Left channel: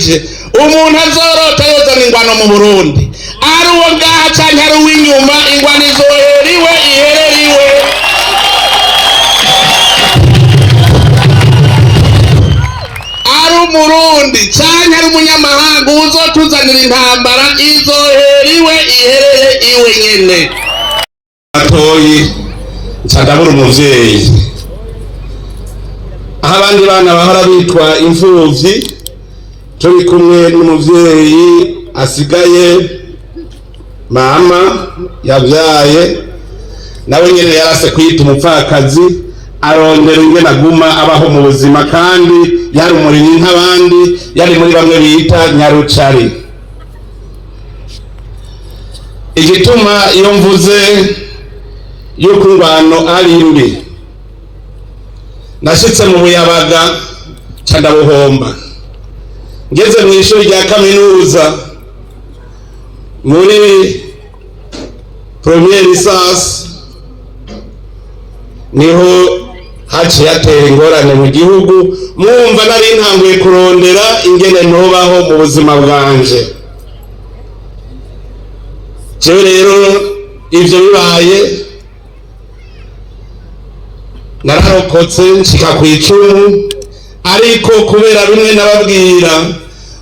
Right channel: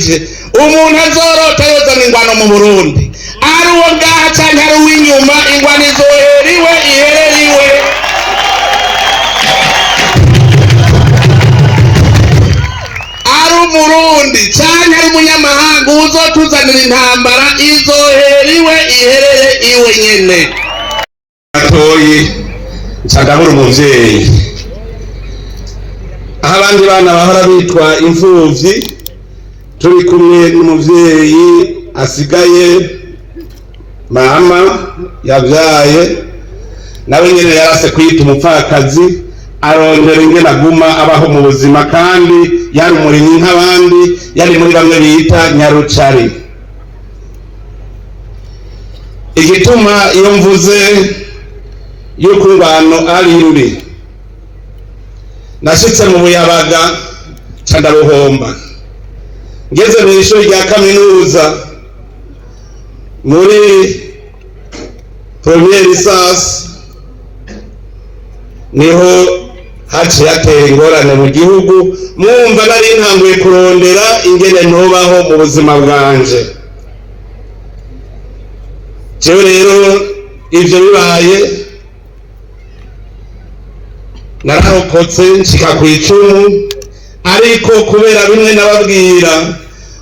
bandanije umuntu azorota yozana ingwano mu Burundi ari uwo ngaha canke ari uw'inyuma ingwano izoheriwe ihereriwe. Ari umurundi canke ari umunyamahanga uzotuzanira intambara izoheriwe iherere iwe nyene. Atoyi ncandabura umuvyeyi aho abandi bana bahora bitwa imfuvyi turi kumwe n'umuvyeyi asigaye mama yavyaye nawe nyene yarase kwita umupfakazi arondera ingene aguma abaho mu buzima kandi yari umurimyi nk'abandi yari muri bamwe bita nyarucari. Igituma iyo mvuze yuko ingwano ari mbi nashitse mu Buyabaga candabuhomba ngeze mu ishuri rya kaminuza muri première licence niho haciye hatera ingorane mu gihugu mwumva nari ntanguye kurondera ingene ntubaho mu buzima bwanje. Jewe rero ivyo bibaye nararokotse nshika kw'icumu ariko kubera bimwe nababwira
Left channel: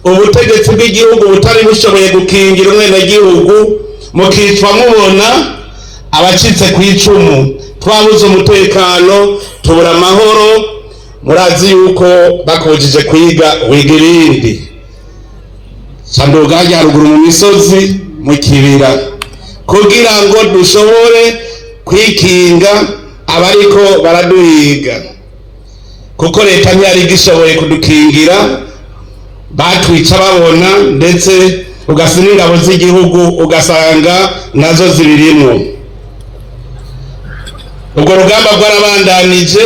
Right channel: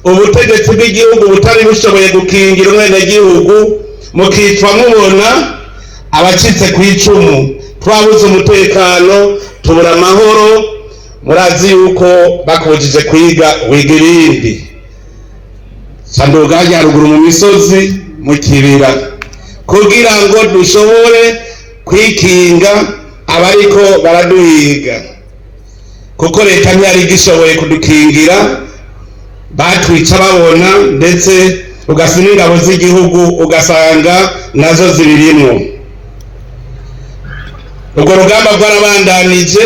ubutegetsi bw'igihugu butari bushoboye gukingira umwenegihugu mukitwa mubona abacitse kw'icumu twabuze umutekano tubura amahoro. Murazi yuko bakubujije kwiga wiga irindi sanduga haruguru mu misozi mu kibira kugira ngo dushobore kwikinga abariko baraduhiga kuko leta ntiyari gishoboye kudukingira batwica babona ndetse ugasanga ingabo z'igihugu ugasanga nazo zibirimwo. Ubwo rugamba rwarabandanije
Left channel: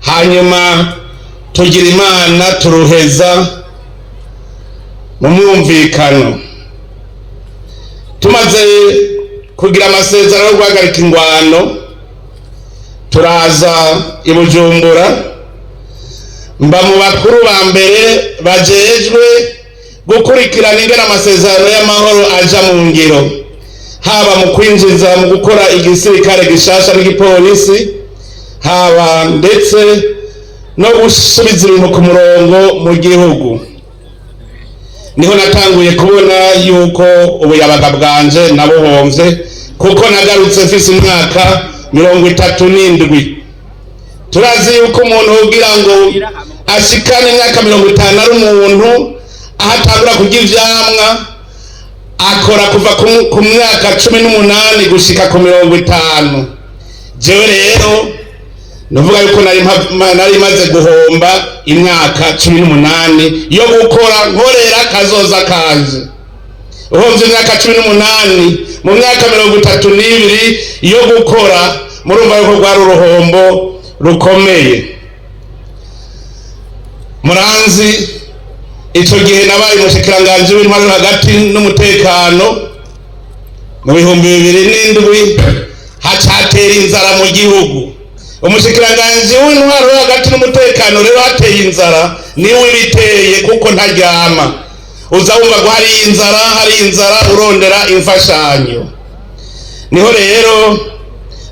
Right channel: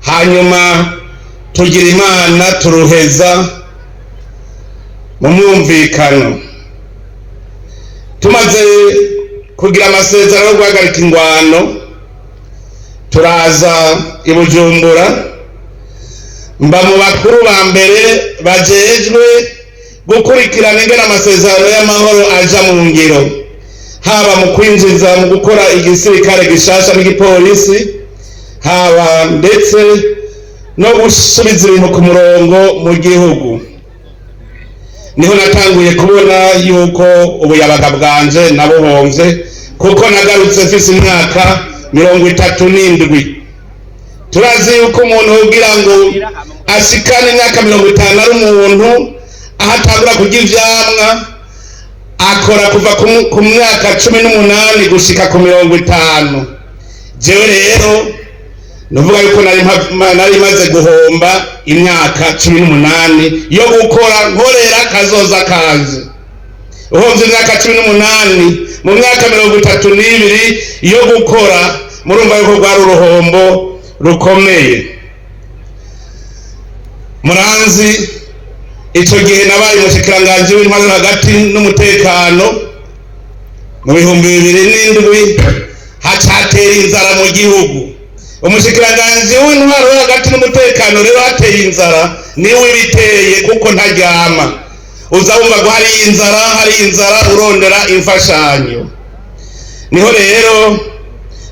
hanyuma tugira Imana turuheza mu mwumvikano. Tumaze kugira amasezerano yo guhagarika ingwano turaza i Bujumbura mba mu bakuru ba mbere bajejwe gukurikirana ingene amasezerano y'amahoro aja mu ngiro haba mu kwinjiza mu gukora igisirikare gishasha n'igipolisi haba ndetse no gusubiza ibintu ku murongo mu gihugu. Niho natanguye kubona yuko Ubuyabaga bwanje nabuhomvye kuko nagarutse mfise imyaka 37. Turazi yuko umuntu ugira ngo ashikane imyaka 50 ari umuntu ahatangura kurya ivyamwa akora kuva ku myaka 18 gushika ku 50. Jewe rero nuvuga yuko nari maze guhomba imyaka 18 yo gukora nkorera kazoza kanje. Uhomvye imyaka 18 mu myaka 32 yo gukora murumva yuko rwari uruhombo rukomeye. Muranzi ico gihe nabaye umushikiranganji w'intwaro hagati n'umutekano mu 2007 hacatera inzara mu gihugu. Umushikiranganji w'intwaro hagati n'umutekano rero hateye inzara niwe biteye kuko ntaryama uzabumva ngo hari inzara urondera imfashanyo. Niho rero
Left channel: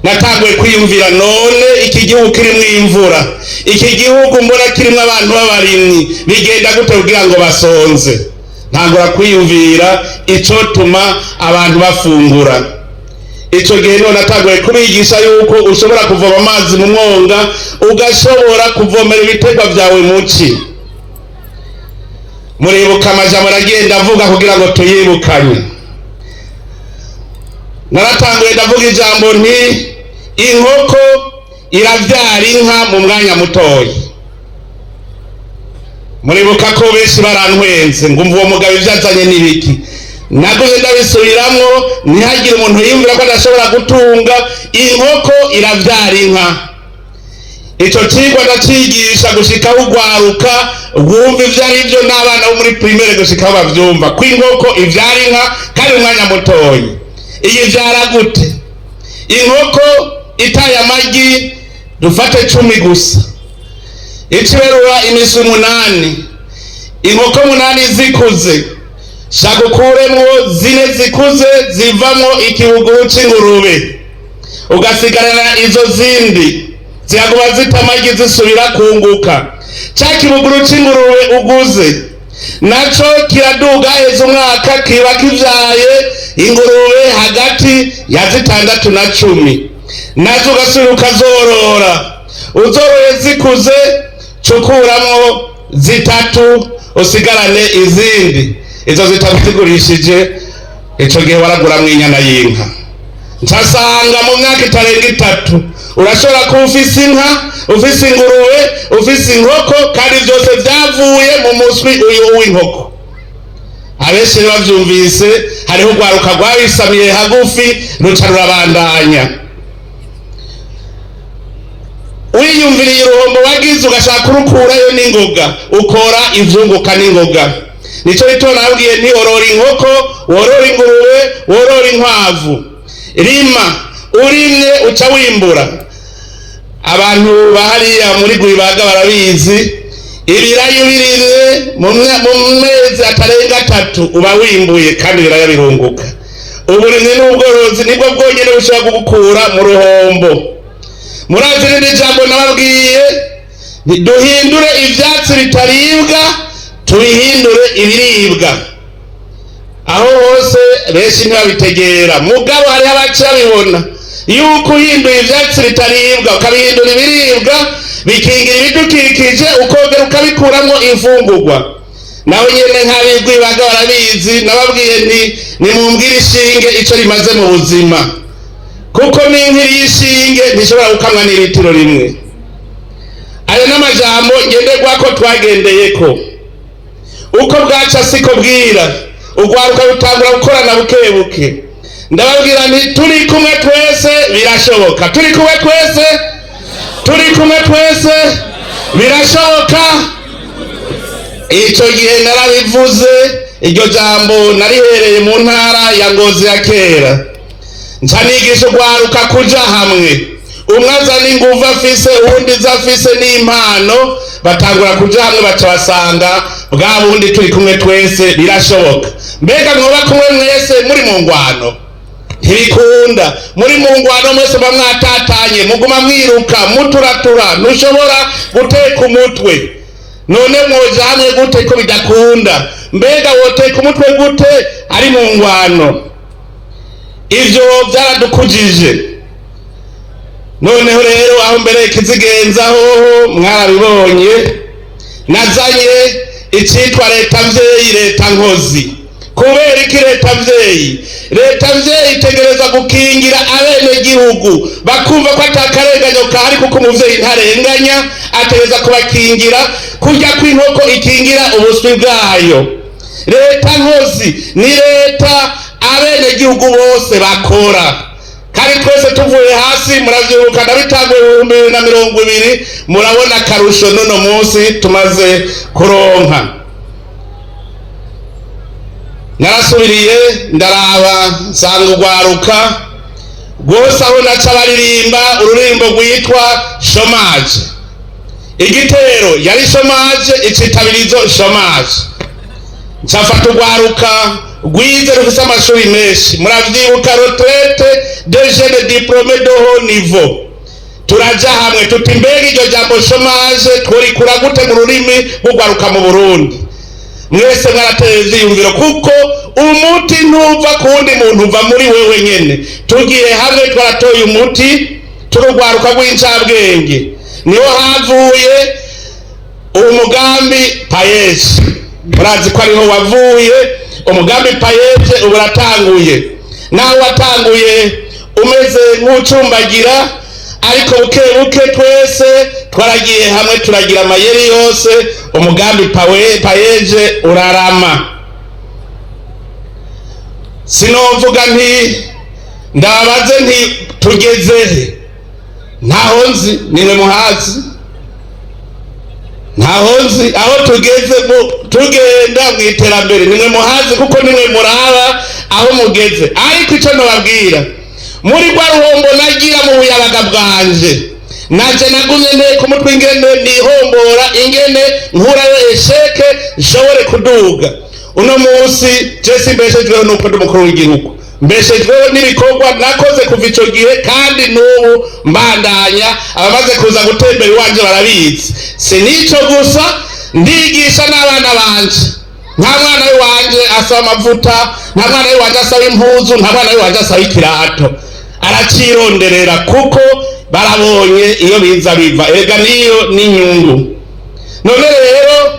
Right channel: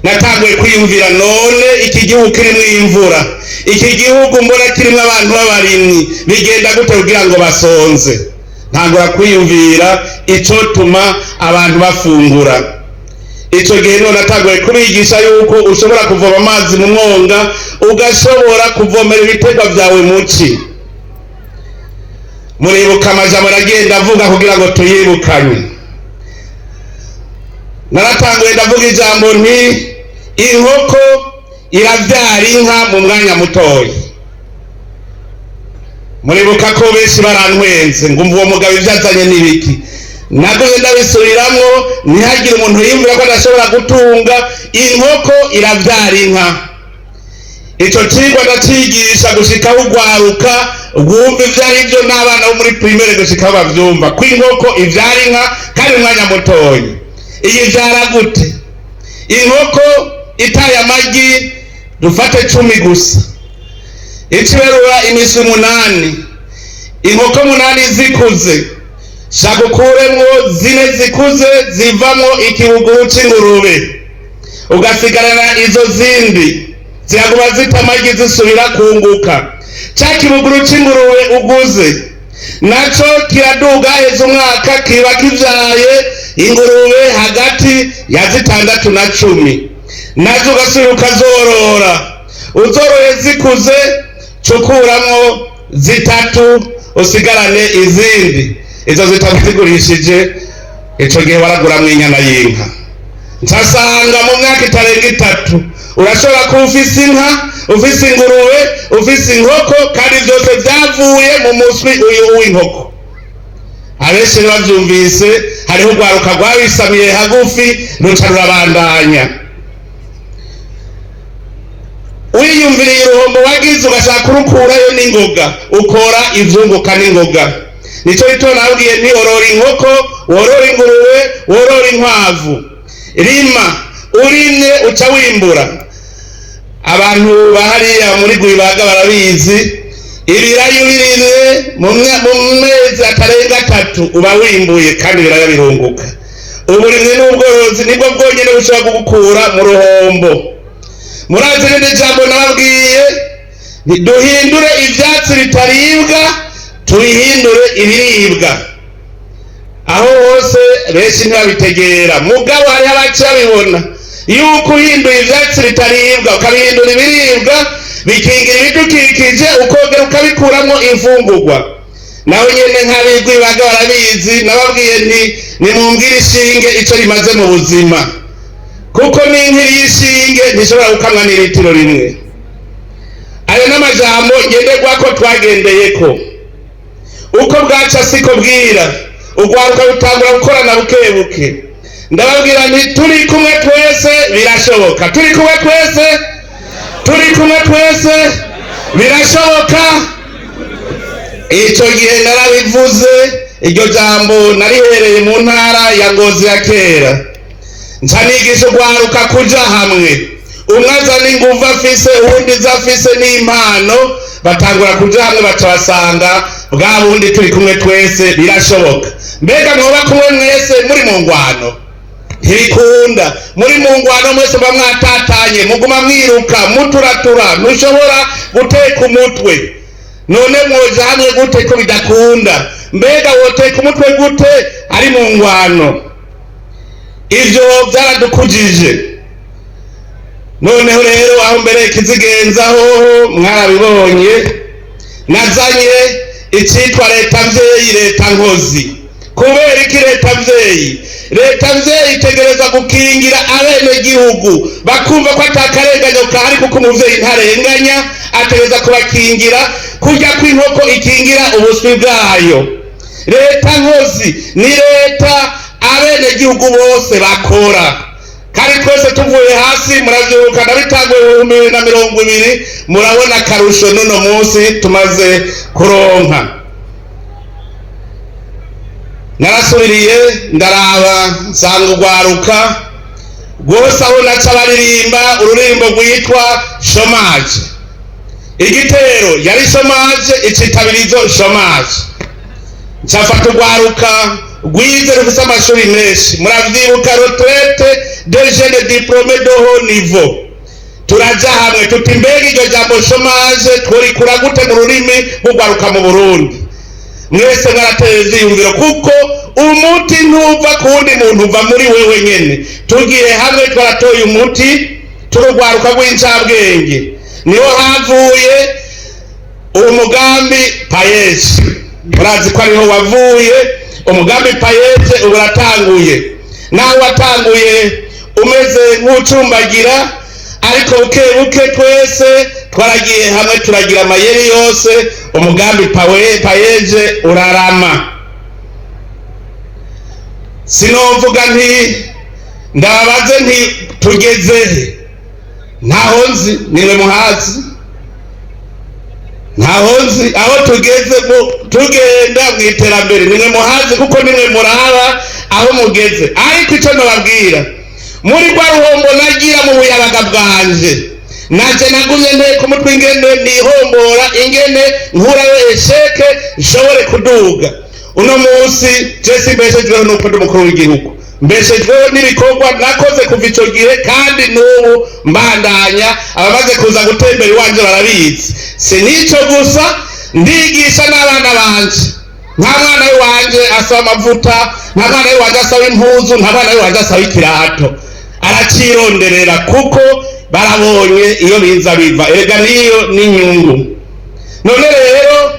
natanguye kwiyumvira none iki gihugu kirimwo imvura, iki gihugu mbona kirimwo abantu b'abarimyi bigenda gute kugira ngo basonze. Ntangura kwiyumvira ico tuma abantu bafungura. Ico gihe none natanguye kubigisha yuko ushobora kuvoma amazi mu mwonga ugashobora kuvomera ibiterwa vyawe muci. Muribuka amajambo aragenda avuga kugira ngo tuyibukanye. Naratanguye ndavuga ijambo nti inkoko iravyara inka mu mwanya mutoyi. Muribuka ko benshi barantwenze ngo uwo mugabo ivyazanye n'ibiki. Naguye ndabisubiramwo ntihagire umuntu yimvira ko adashobora gutunga inkoko iravyara inka. Ico cigwa ndacigisha gushika ugwaruka rwumva ivyarivyo n'abana bo muri primaire gushika bavyumva ko inkoko ivyara inka kandi umwanya mutoyi. Iyi vyara gute? Inkoko itaye amagi dufate 10 gusa, ikiberura imisi 8, inkoko 8 zikuze shagukuremwo 4 zikuze zivamwo ikibuguru c'ingurube, ugasigarana izo zindi zihaguma zitamagi zisubira kunguka. Ca kibuguru c'ingurube uguze naco kiraduga heza umwaka kiba kivyaye ingurube hagati ya 6 na 10, nazo ugasubira ukazorora. Uzoroye zikuze cukuramwo 3 usigarane izindi, izo 3 zigurishije ico gihe waraguramwo inyana y'inka. Nsasanga mu myaka itarenga 3 urashobora kuba ufise inka, ufise ingurube, ufise inkoko, kandi byose byavuye mu muswi uyu w'inkoko. Abenshi bavyumvise hariho ugwaruka rwabisamiye hagufi ruca rurabandanya. Wiyumviriye uruhombo wagize ugashaka kurukurayo n'ingoga, ukora ivyunguka n'ingoga. Nico rito nabwiye nti orora inkoko, worora ingurube, worora inkwavu. Rima urimye uca wimbura. Abantu bahariya muri Gwibaga barabizi, ibirayi birimye mu mezi atarenga 3 uba wimbuye kandi biraya birunguka. Uburimyi n'ubworozi nibwo bwonyene bushobora gukura mu ruhombo. Murazi n'ijambo nababwiye, duhindure ivyatsi bitaribwa tubihindure ibiribwa. Aho hose benshi ntibabitegera, mugabo hari abacabibona yuko uhinduye ivyatsi bitaribwa ukabihindura ibiribwa bikingira ibidukikije, ukongera ukabikuramwo imfungurwa. Nawe nyene nk'abigwibaga barabizi, nababwiye nti nimumbwire ishinge ico rimaze mu buzima, kuko n'inkiri y'ishinge ntishobora gukamwa n'ilitiro rimwe. Ayo n'amajambo ngenderwako twagendeyeko. Uko bwaca siko bwira, ugwaruka rutangura gukorana bukebuke. Ndababwira nti turi kumwe twese birashoboka, turi kumwe twese, turi kumwe twese birashoboka. Ico gihe narabivuze, iryo jambo narihereye mu ntara ya Ngozi ya kera. Nca nigisha ugwaruka kuja hamwe, umwe azana inguvu afise, uwundi zafise n'impano, batangura kuja hamwe baca basanga bwa bundi turi kumwe twese birashoboka. Mbega mwoba kumwe mwese muri mu ngwano? Ntibikunda. Muri mu ngwano mwese mba mwatatanye, muguma mwiruka muturatura, ntushobora guteka umutwe. None mwoja hamwe gute ko bidakunda? Mbega woteka umutwe gute ari mu ngwano? Ivyo vyaradukujije. Noneho rero aho mbere kizigenzaho mwarabibonye, nazanye icitwa leta mvyeyi, leta nkozi. Kubera iki leta mvyeyi? Leta mvyeyi itegereza gukingira abene gihugu bakumva ko atakarenganyo kahari, kuko umuvyeyi ntarenganya, ategereza kubakingira kurya kw'inkoko ikingira ubuswi bwayo. Leta nkozi ni leta abene gihugu bose bakora, kandi twese tuvuye hasi muravyibuka ndabitanguye 2020, murabona akarusho nono munsi tumaze kuronka. Narasubiriye ndaraba nsanga ugwaruka rwose aho naca baririmba ururimbo rwitwa shomaje. Igitero yari shomaje, icitabirizo shomaje. Ncafata ugwaruka rwize rufise amashuri menshi, muravyibuka retraite de jeunes diplômés de haut niveau. Turaja hamwe tuti mbega iryo jambo shomaje tworikura gute mu rurimi rw'ugwaruka mu Burundi? Mwese mwarateye ivyiyumviro, kuko umuti ntuva ku wundi muntu, uva muri wewe nyene. Tugiye hamwe twaratoye umuti, turugwaruka rw'incabwenge, niho havuye umugambi payeje. Murazi ko ariho wavuye umugambi payeje, uburatanguye. Nawe watanguye umeze nk'ucumbagira, ariko buke buke twese twaragiye hamwe turagira amayeri yose, umugambi payeje urarama. Sinovuga nti ndabaze nti tugezehe, ntaho nzi, nimwe muhazi. Ntaho nzi aho tugeze, tugenda mw'iterambere nimwe muhazi, kuko nimwe muraba aho mugeze. Ariko ico nababwira, muri rwa ruhombo nagira mu buyabaga bwanje, naje nagumye nteko umutwe ingene nihombora, ingene nkurayo esheke nshobore kuduga. Uno munsi Jesse mbeshejweho nuko ndi umukuru w'igihugu, mbeshejweho n'ibikorwa nakoze kuva ico gihe, kandi n'ubu mbandanya. Abamaze kuza gutembera iwanje barabizi. Si nico gusa, ndigisha n'abana banje. Nta mwana wanje asaba amavuta, nta mwana wanje asaba impuzu, nta mwana wanje asaba ikirato, aracironderera kuko barabonye iyo biza biva. Erega niyo n'inyungu. None rero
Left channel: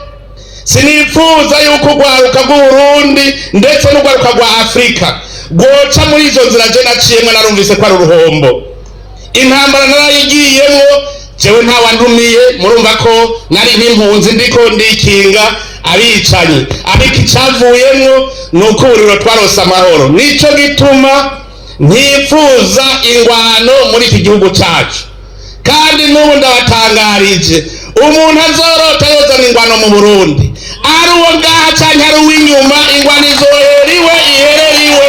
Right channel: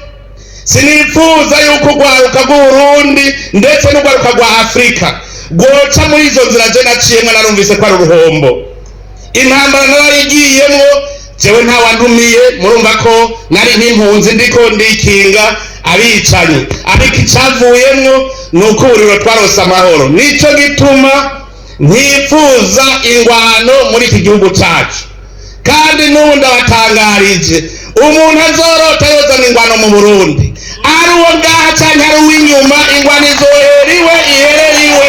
sinifuza yuko urwaruka rw'Uburundi ndetse n'urwaruka rwa Afrika rwoca muri izo nzira je naciyemwo. Narumvise ko ari uruhombo. Intambara narayigiyemwo jewe ntawandumiye, murumva ko nari nk'impunzi ndiko ndikinga abicanyi, ariko icavuyemwo nuko uburiro twarose amahoro. Nico gituma ntifuza ingwano muri iki gihugu cacu, kandi n'ubu ndabatangarije umuntu azorota yozana ingwano mu Burundi, ari uwo ngaha canke ari uw'inyuma, ingwano izoheriwe ihereriwe.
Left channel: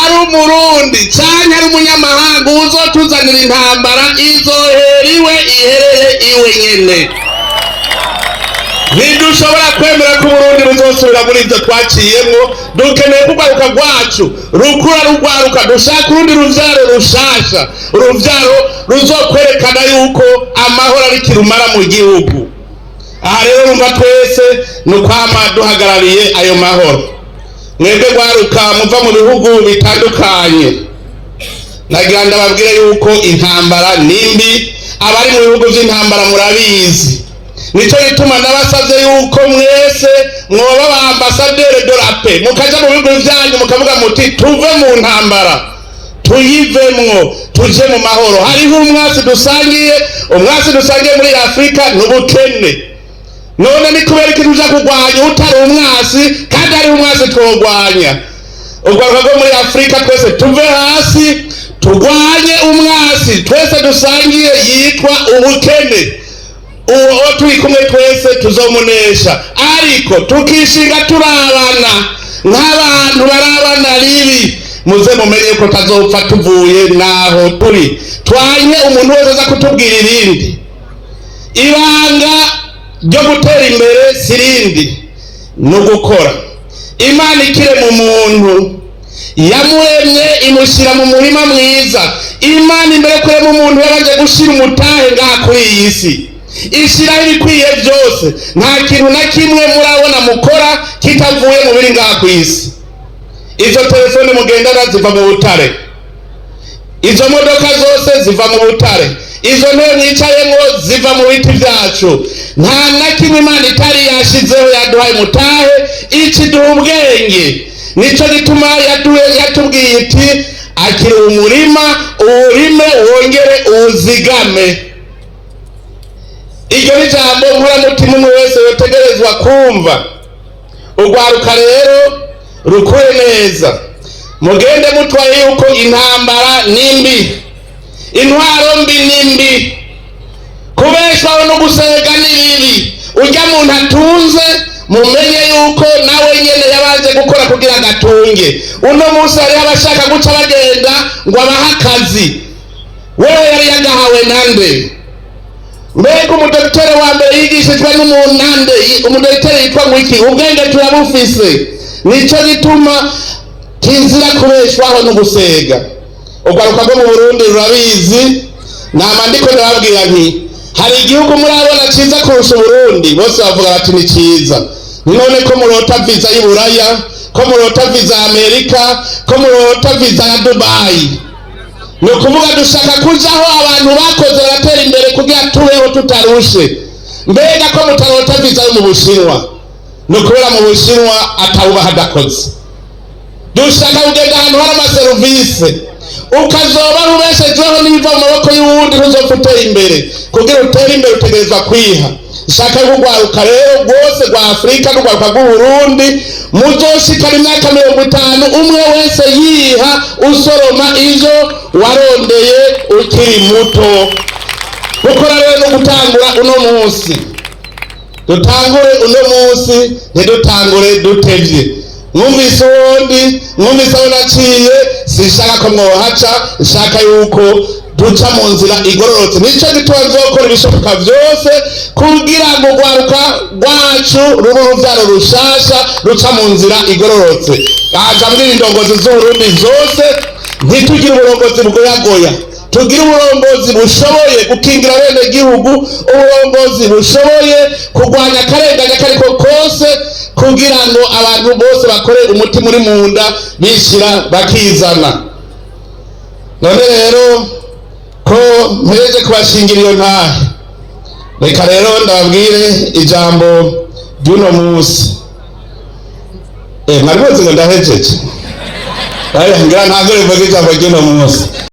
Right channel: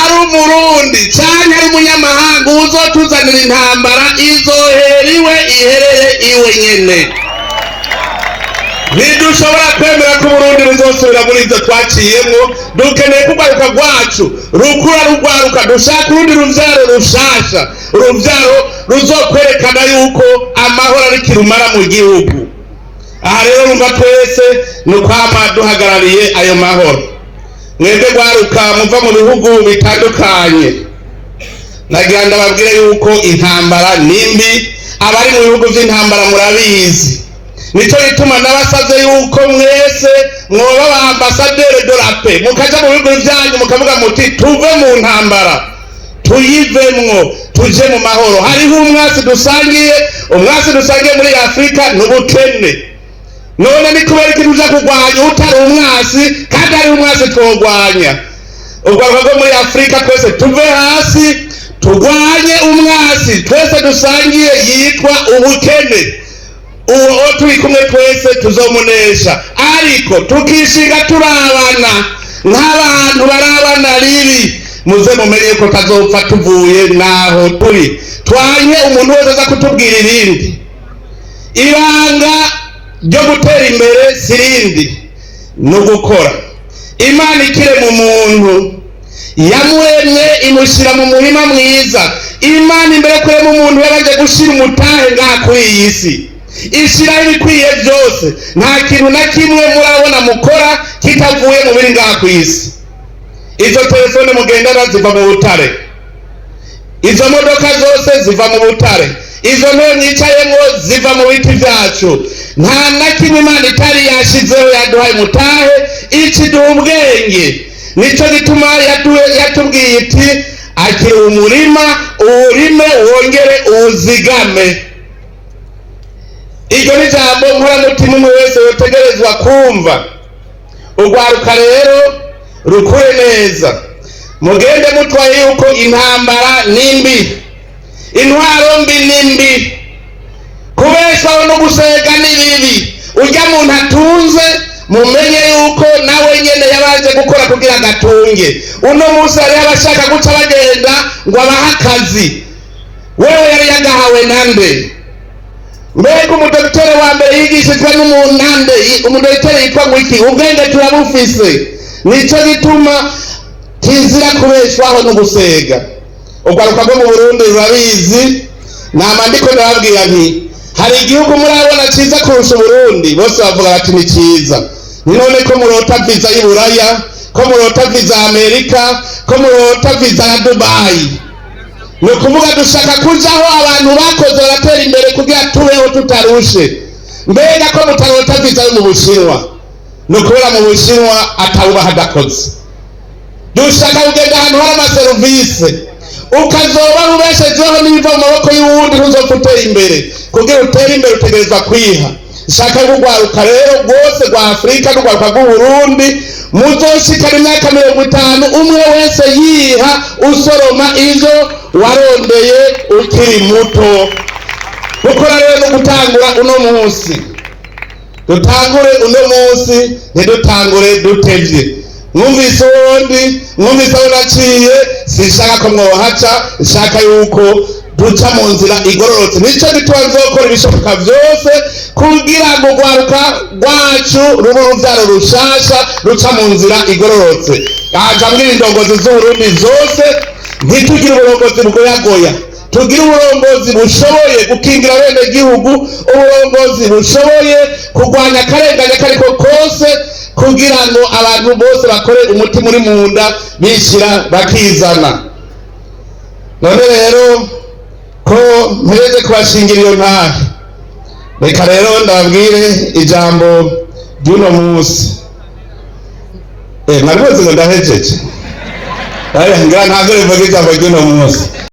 Ari umurundi canke ari umunyamahanga uzotuzanira intambara, izoheriwe iherere iwe nyene. Ntidushobora kwemera ko Burundi buzosubira muri ivyo twaciyemwo. Dukeneye ko urwaruka rwacu rukura rugwaruka, dushaka urundi ruvyaro rushasha, uruvyaro ruzokwerekana yuko amahoro ari kirumara mu gihugu. Aha rero rumva twese nukwama duhagarariye ayo mahoro. Mwebwe rwaruka muva mu bihugu bitandukanye, nagira ndababwire yuko intambara nimbi, abari mu bihugu vy'intambara murabizi. Nico gituma nabasavye yuko mwese mwoba ba ambassadeur de la paix, mukaja mu bihugu vyanyu mukavuga muti tuve mu ntambara, tuyivemwo, tuje mu mahoro. Hariho umwasi dusangiye muri Afrika n'ubukene. None ni kubera iki tuja kurwanya utari umwasi kandi ari umwasi twogwanya? Urwaruka rwo muri Afrika twese tuve hasi turwanye umwasi twese dusangiye yitwa ubukene. Uwo turi kumwe twese tuzomunesha, ariko tukishinga turabana nk'abantu barabana ribi. Muze mumenye ko tazopfa tuvuye naho turi. Twanye umuntu wese aza kutubwira irindi. Ibanga ryo gutera imbere sirindi, no gukora. Imana ikire mu muntu, yamuremye imushira mu murima mwiza. Imana imbere kure mu muntu yaraje gushira umutahe ngaha kuri iyi si, ishiraho ibikwiye byose. Nta kintu na kimwe murabona mukora kitavuye mu biri ngaha ku isi. Izo telefone mugendana ziva mu butare, izo modoka zose ziva mu butare, izo ntebe mwicayemwo ziva mu biti vyacu. Nta na kimwe Imana itari yashizeho yaduhaye mutahe, ikiduha ubwenge. Nico gituma yatubwiye iti akiri umurima uwurime wongere uwuzigame. Iryo ni jambo nkuramutima umwe wese yotegerezwa kumva. Urwaruka rero rukure neza, mugende mutwaye yuko intambara nimbi, intwaro mbi nimbi, kubeshaho no gusega nibibi. Urya muntu atunze mumenye yuko nawe nyene yabanje gukora kugira gatunge. Uno munsi hari abashaka guca bagenda ngo abaha akazi, wewe yari yagahawe nande? Mbega umudokiteri wa mbere yigishijwe n'umuntu nande? Umudokiteri yitwa ngwiki? Ubwenge turabufise. Nico gituma kizira kubeshwaho no gusega. Urwaruka rwo mu Burundi rurabizi. Namandiko ndababwira nti hari igihugu murabona ciza kurusha Burundi, bose bavuga bati ni ciza. None ko murota visa y'Iburaya, ko murota visa Amerika, ko murota visa ya Dubai. Ni ukuvuga dushaka kujaho abantu bakoze baratera imbere kugira tubeho tutarushe. Mbega ko mutarota visa yo mu Bushinwa? Ni ukubera mu Bushinwa atawuba hadakoze. Dushaka kugenda ahantu hari amaserivise, ukazoba ubeshejeho n'ibiva mu maboko y'uwundi ntuzopfa utera imbere. Kugira utere imbere utegerezwa kwiha. Shaka y'urwaruka rero rwose rwa Afrika n'urwaruka rw'Uburundi muzoshikana imyaka 50 umwe wese yiha usoroma izo warondeye ukiri muto. Gukora rero no gutangura uno munsi, dutangure uno munsi, ntidutangure dutevye. Mwumvise ubundi, mwumvise aho naciye, sishaka ko mwohaca, shaka yuko duca mu nzira igororotse. Nico gituma nzokora ibishoboka vyose kugira ngo urwaruka rwacu rube uruvyaro rushasha ruca mu nzira igororotse. Aja mbwira indongozi z'Uburundi zose ntitugire uburongozi bwoyagoya, tugire uburongozi bushoboye gukingira bene gihugu, uburongozi bushoboye kurwanya akarengane kariko kose, kugira ngo abantu bose bakore umuti muri munda bishira bakizana. None rero ko mpereze kubashingira iyo ntahe, reka rero ndabwire ijambo ry'uno munsi. Mwari muzi ngo ndahejeje? Ngira ntangire mvuge ijambo ry'uno munsi.